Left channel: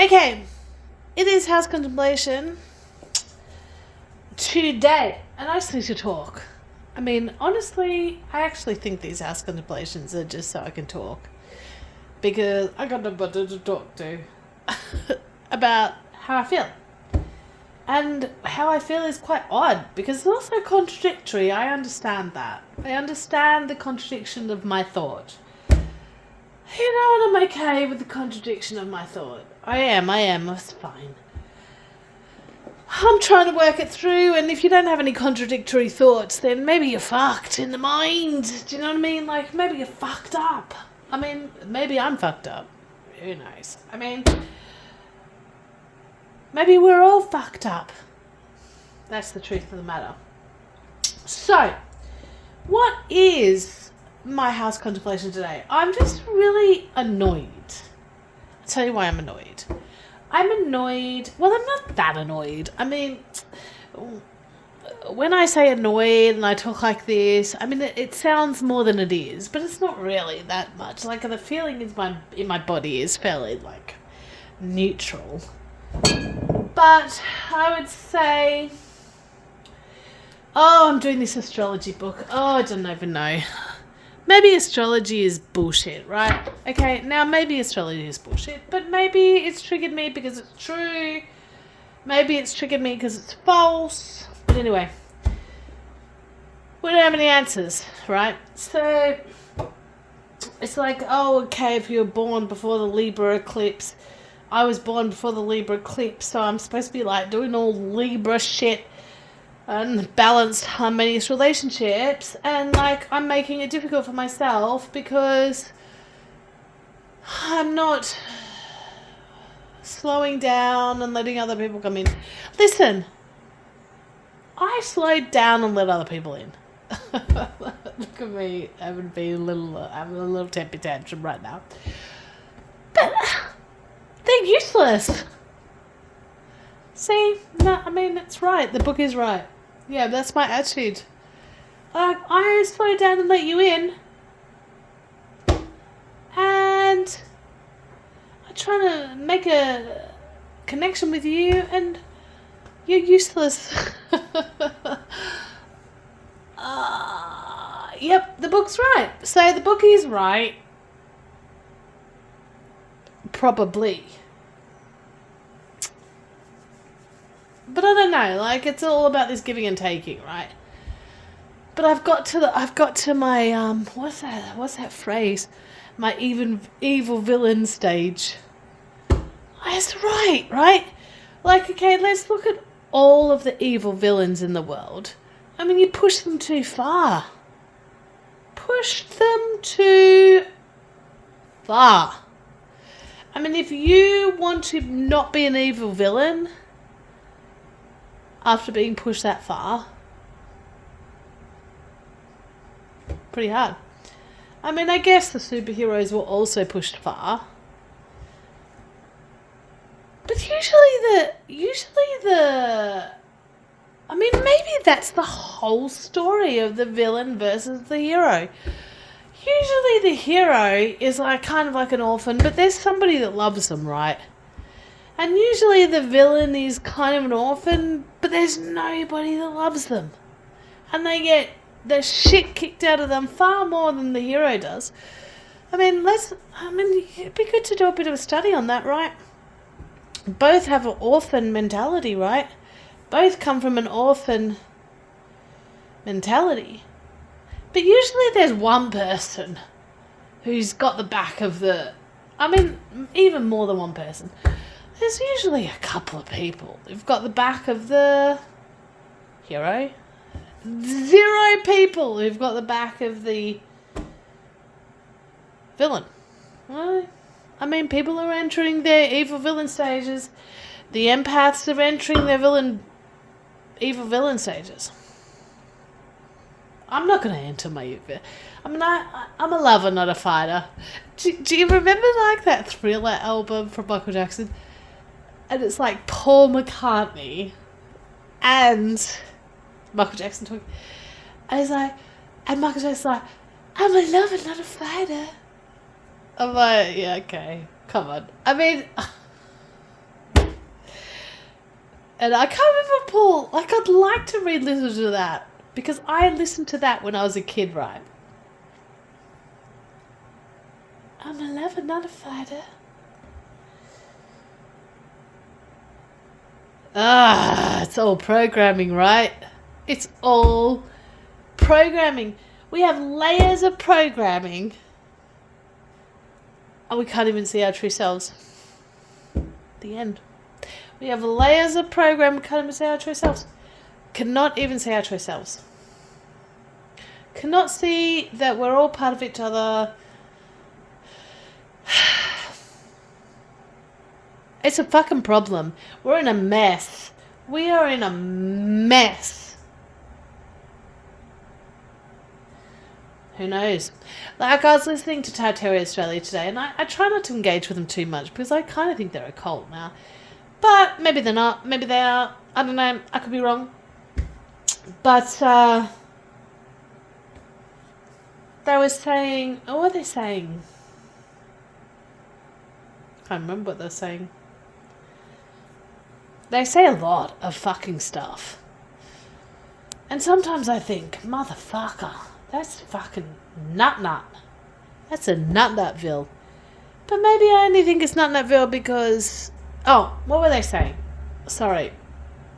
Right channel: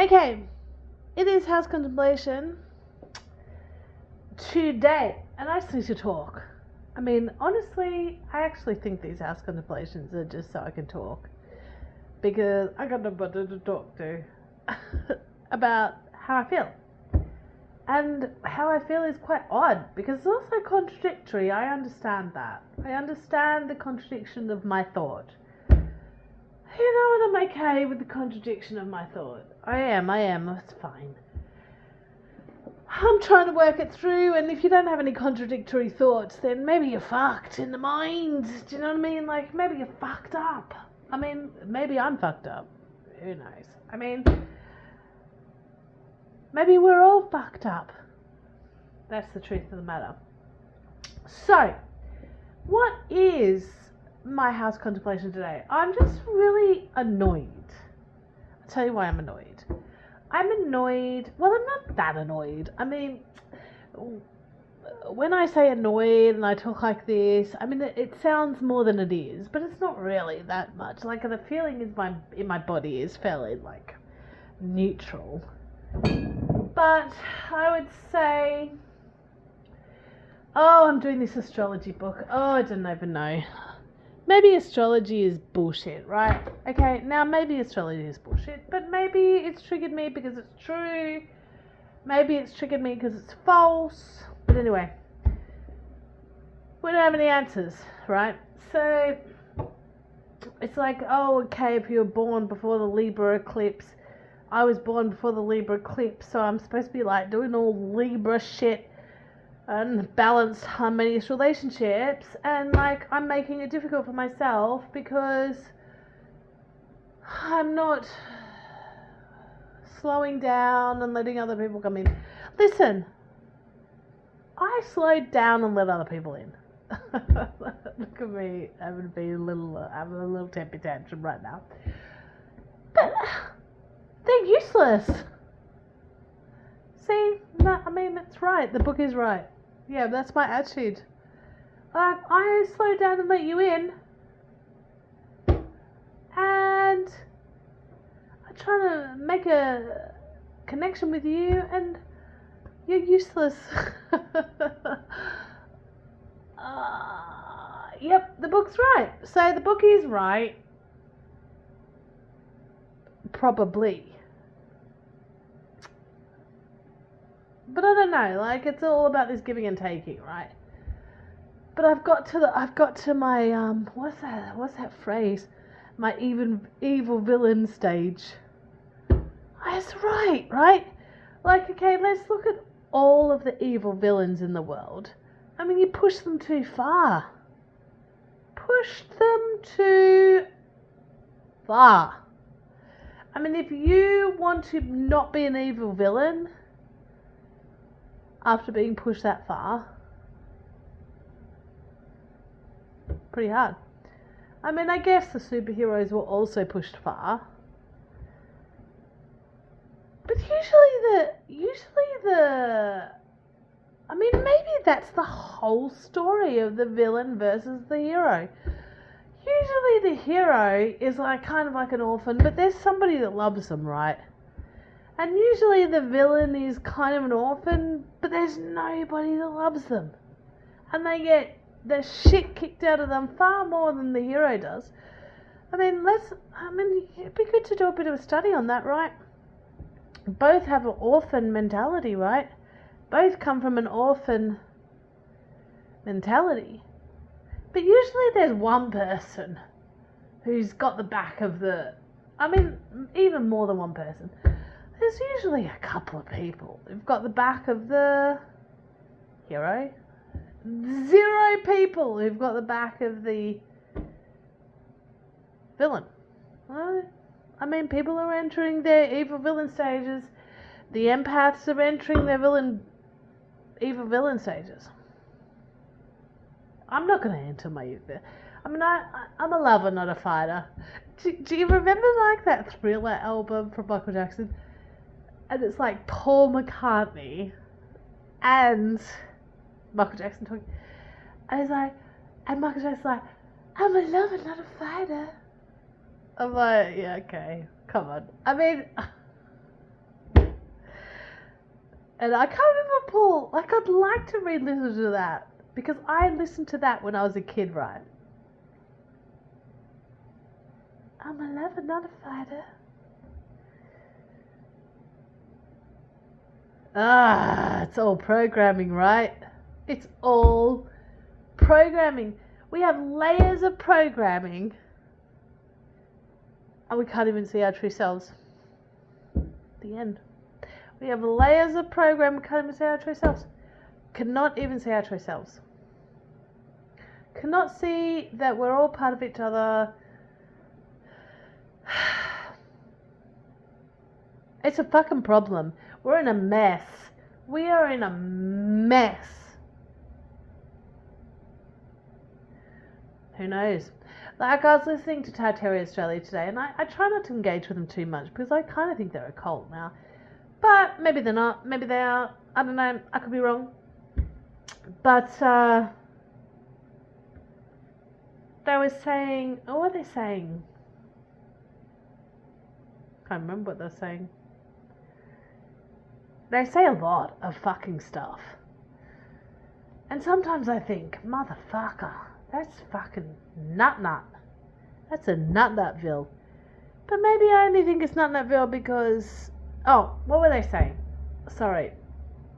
Okay, it is house contemplation today, and I just need to talk. I mean, honestly, I actually think these house contemplations are just so I can talk, because I got nobody to talk to about how I feel. And how I feel is quite odd, because it's also contradictory. I understand that. I understand the contradiction of my thought. And I'm okay with the contradiction of my thought. I am, it's fine. I'm trying to work it through, and if you don't have any contradictory thoughts, then maybe you're fucked in the mind. Do you know what I mean? Like, maybe you're fucked up. I mean, maybe I'm fucked up. Who knows? I mean, maybe we're all fucked up. That's the truth of the matter. So, what is my house contemplation today? I'm just really annoyed. I'll tell you why I'm annoyed. I'm annoyed. Well, I'm not that annoyed. I mean, when I say annoyed and I talk like this, I mean, it sounds more than it is, but it's not really that much. Like, the feeling in my body is fairly, like, neutral. But I would say, I'm doing this astrology book. I don't even know. Maybe astrology is bullshit, right? Okay, now maybe astrology is bullshit, but maybe it's triggered me because it's true. Maybe it's triggered me because it's false. But anyway, we don't have any answers, right? So it's like, okay, if you were born before the Libra eclipse, I was born before the Libra eclipse, so I'm supposed to be like doing all Libra shit and balanced, harmonious relationships, and like I'm making it difficult for myself because I'm not slowing down and letting other people come in. Listen, I slowed down and let other people in. Look at me having a little temper tantrum right now. But they're useless. See, no, I mean, it's right. The book is right. Yeah, that's my attitude. I slow down and let you in. And I try to make a connection with you, and you're useless. Yep, the book's right. So the book is right. Probably. But I don't know, like, it's all about this giving and taking, right? But I've got to my what's that phrase? My evil villain stage. That's right? Like, okay, let's look at all of the evil villains in the world. I mean, you push them too far. Push them too far. I mean, if you want to not be an evil villain after being pushed that far, pretty hard. I mean, I guess the superheroes were also pushed far. But usually the I mean, maybe that's the whole story of the villain versus the hero. Usually the hero is like kind of like an orphan, but there's somebody that loves them, right? And usually the villain is kind of an orphan, but there's nobody that loves them. And they get the shit kicked out of them far more than the hero does. I mean, it'd be good to do a bit of a study on that, right? Both have an orphan mentality, right? Both come from an orphan mentality. But usually there's one person who's got the back of the... I mean, even more than one person. There's usually a couple of people who've got the back of the hero. 0 people who've got the back of the villain. Well, I mean, people are entering their evil villain stages. The empaths are entering their evil villain stages. I'm not going to enter my evil... I mean, I'm a lover, not a fighter. Do you remember, like, that Thriller album from Michael Jackson? And it's like Paul McCartney and Michael Jackson talking. And he's like, and Michael Jackson's like, I'm a lover, not a fighter. I'm like, yeah, okay, come on. I mean, And I can't remember, Paul. Like, I'd like to re-listen to that. Because I listened to that when I was a kid, right? I'm a lover, not a fighter. It's all programming, right? It's all programming. We have layers of programming. And we can't even see our true selves. The end. We have layers of program, we can't even see our true selves. Cannot even see our true selves. Cannot see that we're all part of each other. It's a fucking problem. We're in a mess. We are in a mess. Who knows? Like, I was listening to Tartaria Australia today, and I try not to engage with them too much because I kind of think they're a cult now. But maybe they're not. Maybe they are. I don't know. I could be wrong. But they were saying... Oh, what are they saying? I can't remember what they're saying. They say a lot of fucking stuff. And sometimes I think, motherfucker, that's fucking nut. That's a nutville. But maybe I only think it's nutville because... Oh, what were they saying? Sorry.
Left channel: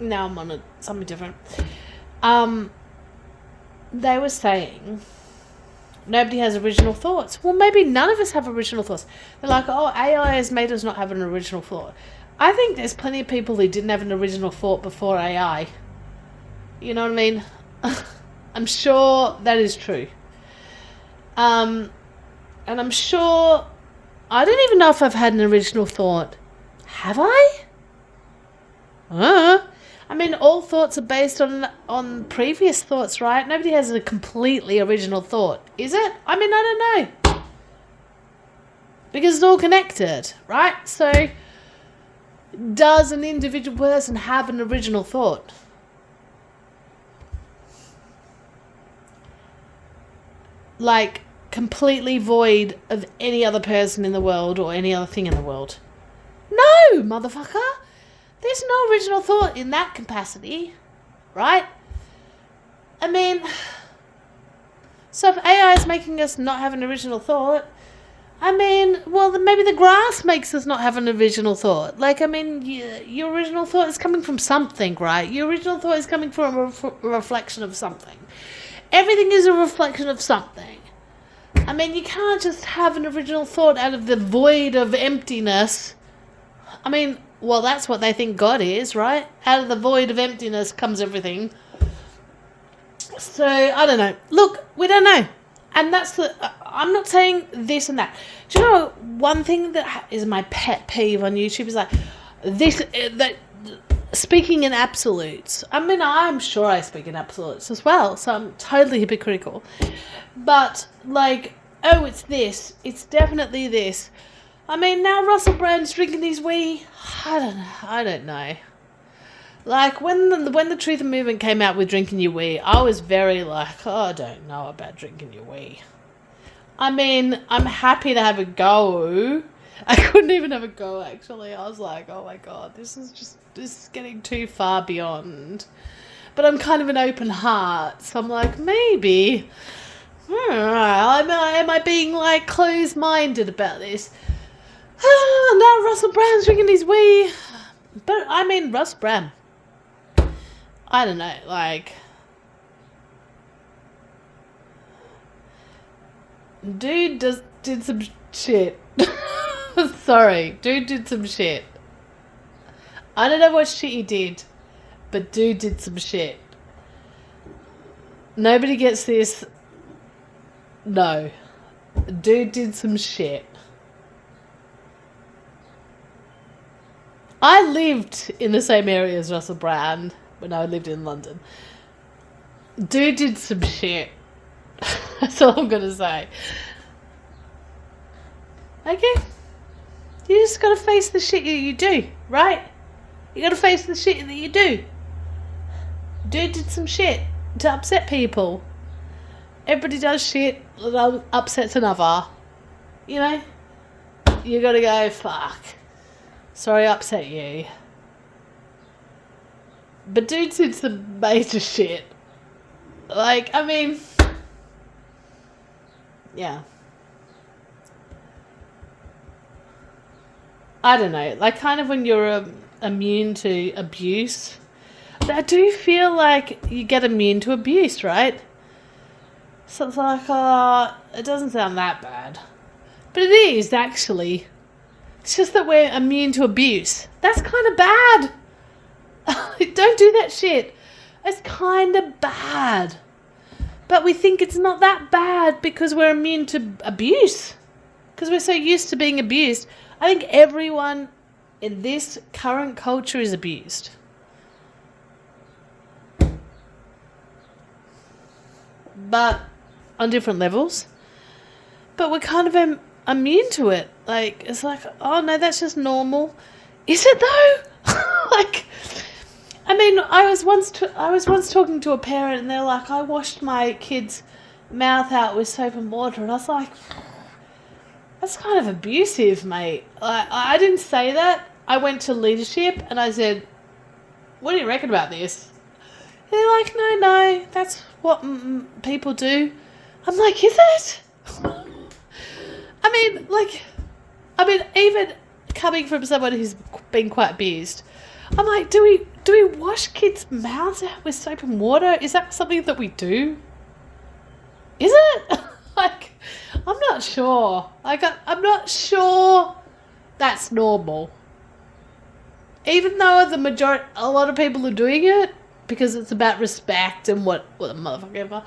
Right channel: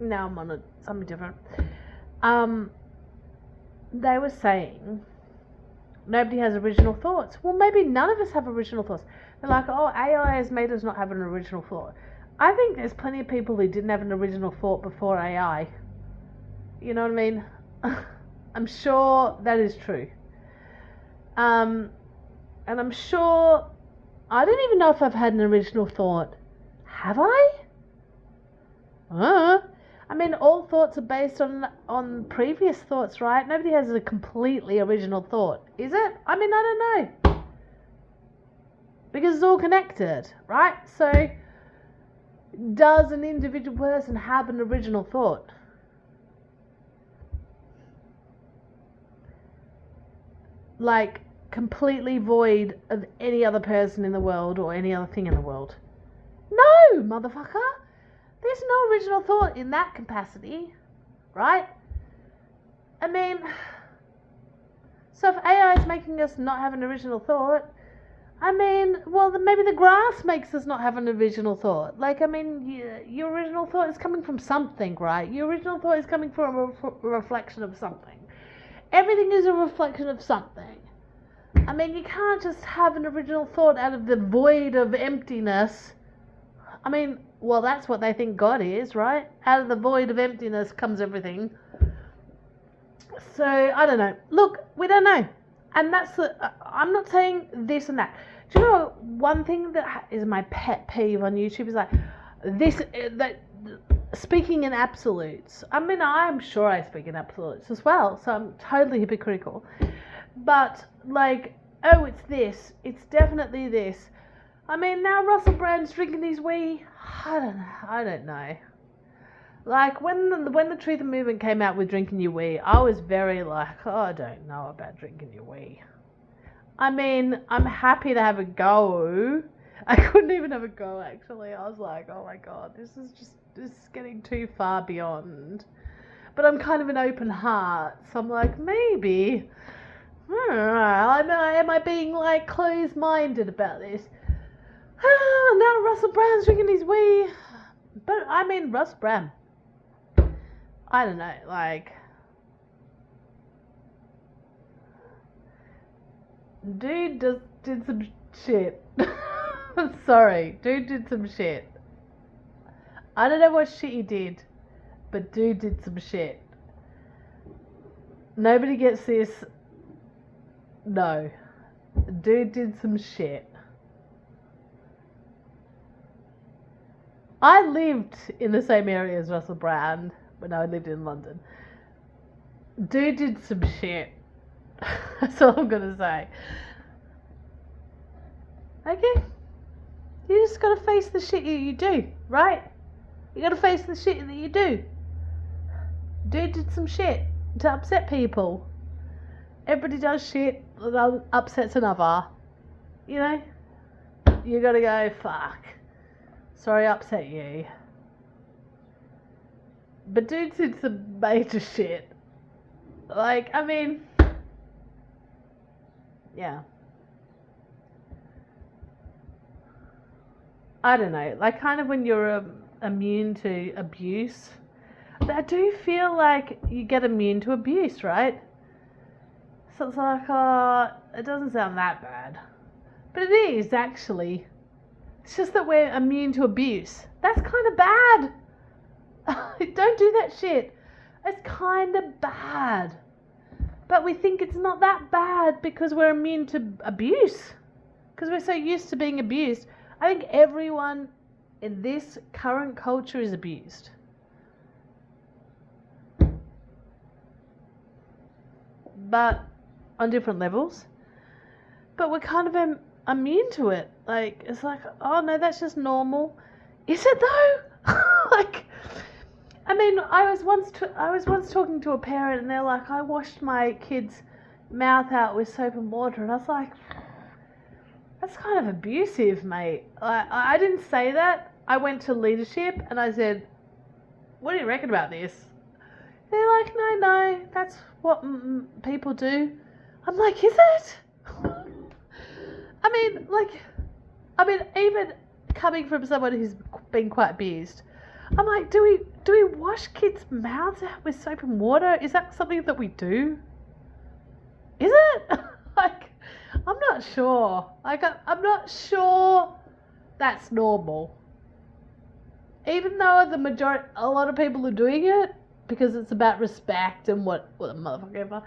Now I'm on something different. They were saying nobody has original thoughts. Well, maybe none of us have original thoughts. They're like, oh, AI has made us not have an original thought. I think there's plenty of people who didn't have an original thought before AI. You know what I mean? I'm sure that is true. And I'm sure... I don't even know if I've had an original thought. Have I? I mean, all thoughts are based on previous thoughts, right? Nobody has a completely original thought, is it? I mean, I don't know. Because it's all connected, right? So, does an individual person have an original thought? Like, completely void of any other person in the world or any other thing in the world? No, motherfucker. There's no original thought in that capacity, right? I mean, so if AI is making us not have an original thought, I mean, well, then maybe the grass makes us not have an original thought. Like, I mean, your original thought is coming from something, right? Your original thought is coming from a reflection of something. Everything is a reflection of something. I mean, you can't just have an original thought out of the void of emptiness. I mean, well, that's what they think God is, right? Out of the void of emptiness comes everything. So, I don't know. Look, we don't know. And that's I'm not saying this and that. Do you know, one thing that is my pet peeve on YouTube is like, that speaking in absolutes. I mean, I'm sure I speak in absolutes as well, so I'm totally hypocritical. But, like, oh, it's this. It's definitely this. I mean, now Russell Brand's drinking his wee. I don't know. Like, when the Truth and Movement came out with drinking your wee, I was very like, oh, I don't know about drinking your wee. I mean, I'm happy to have a go. I couldn't even have a go, actually. I was like, oh my God, this is getting too far beyond. But I'm kind of an open heart, so I'm like, maybe. Am I being, like, closed-minded about this? Now Russell Brand's drinking his wee. But, I mean, Russell Brand. I don't know, like... Dude did some shit. Sorry, dude did some shit. I don't know what shit he did, but dude did some shit. Nobody gets this. No. Dude did some shit. I lived in the same area as Russell Brand when I lived in London. Dude did some shit. That's all I'm going to say. Okay? You just got to face the shit you do, right? You got to face the shit that you do. Dude did some shit to upset people. Everybody does shit that upsets another. You know? You got to go, fuck. Sorry I upset you. But dude's did some major shit. Like, I mean, yeah. I don't know. Like, kind of when you're immune to abuse, I do feel like you get immune to abuse, right? So it's like, it doesn't sound that bad. But it is, actually. It's just that we're immune to abuse. That's kind of bad. Don't do that shit. It's kind of bad. But we think it's not that bad because we're immune to abuse. Because we're so used to being abused. I think everyone in this current culture is abused. But on different levels. But we're kind of immune to it. Like, it's like, oh no, that's just normal. Is it though? Like, I mean, I was once talking to a parent and they're like, I washed my kid's mouth out with soap and water, and I was like, that's kind of abusive, mate. I didn't say that. I went to leadership and I said, what do you reckon about this? And they're like, no, that's what people do. I'm like, is it? I mean, even coming from someone who's been quite abused, I'm like, do we wash kids' mouths out with soap and water? Is that something that we do? Is it? Like, I'm not sure. Like, I'm not sure that's normal. Even though a lot of people are doing it because it's about respect and what the motherfucker ever.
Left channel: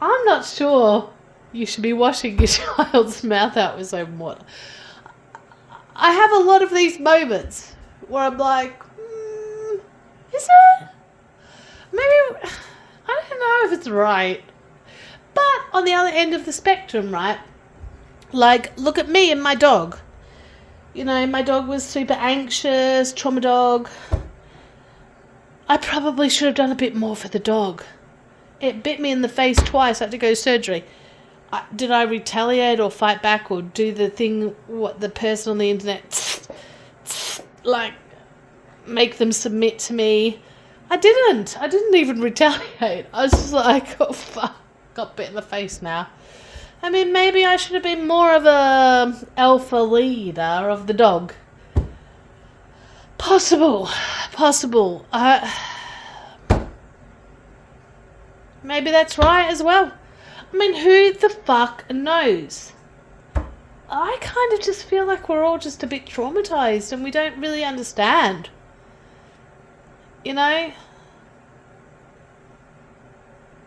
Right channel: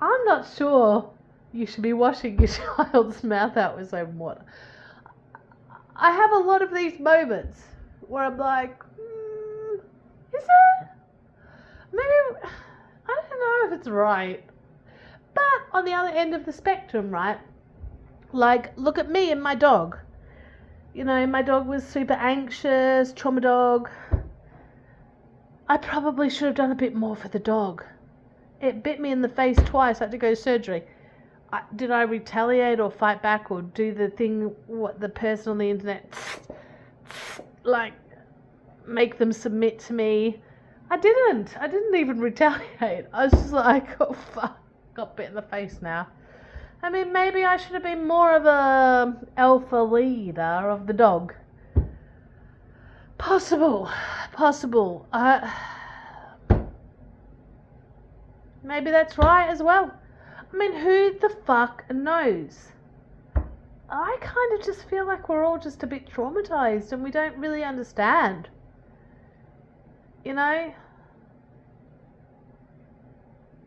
I'm not sure you should be washing your child's mouth out with soap and water. I have a lot of these moments where I'm like, is it? Maybe, I don't know if it's right. But on the other end of the spectrum, right? Like, look at me and my dog. You know, my dog was super anxious, trauma dog. I probably should have done a bit more for the dog. It bit me in the face twice. I had to go to surgery. Did I retaliate or fight back or do the thing, what the person on the internet, like, make them submit to me? I didn't even retaliate. I was just like, oh fuck, got bit in the face now. I mean, maybe I should have been more of a alpha leader of the dog. Possible. Maybe that's right as well. I mean, who the fuck knows? I kind of just feel like we're all just a bit traumatized and we don't really understand. You know?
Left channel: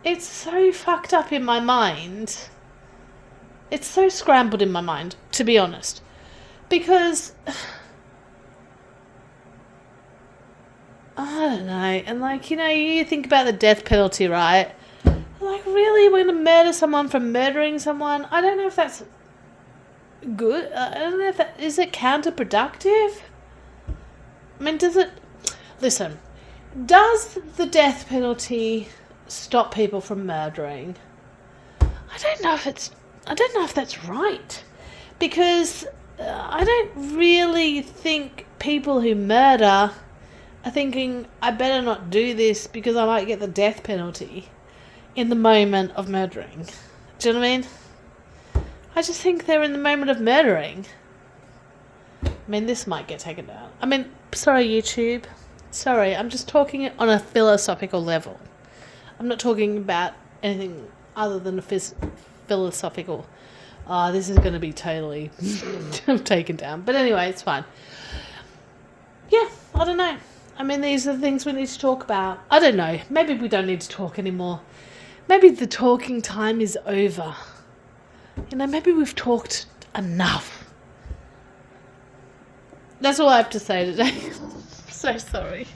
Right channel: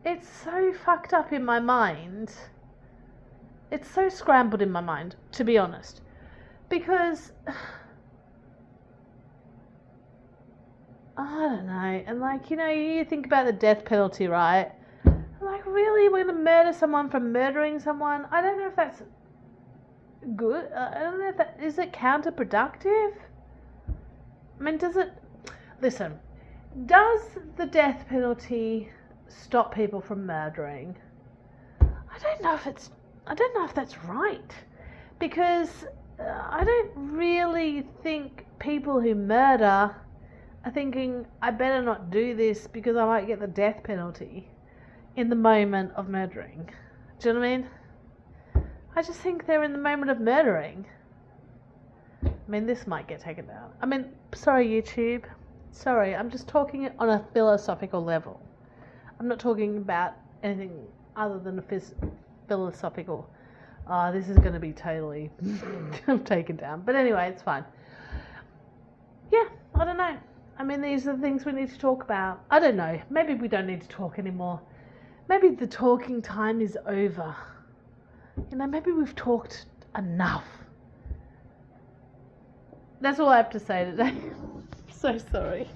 It's so fucked up in my mind. It's so scrambled in my mind, to be honest. Because I don't know. And like, you know, you think about the death penalty, right? Like, really, we're going to murder someone for murdering someone? I don't know if that's good. I don't know if that... Is it counterproductive? I mean, Listen, does the death penalty stop people from murdering? I don't know if that's right. Because I don't really think people who murder are thinking, I better not do this because I might get the death penalty in the moment of murdering. Do you know what I mean? I just think they're in the moment of murdering. I mean, this might get taken down. I mean, sorry, YouTube. Sorry, I'm just talking on a philosophical level. I'm not talking about anything other than a philosophical. This is going to be totally taken down. But anyway, it's fine. Yeah, I don't know. I mean, these are the things we need to talk about. I don't know. Maybe we don't need to talk anymore. Maybe the talking time is over. You know, maybe we've talked enough. That's all I have to say today. So sorry.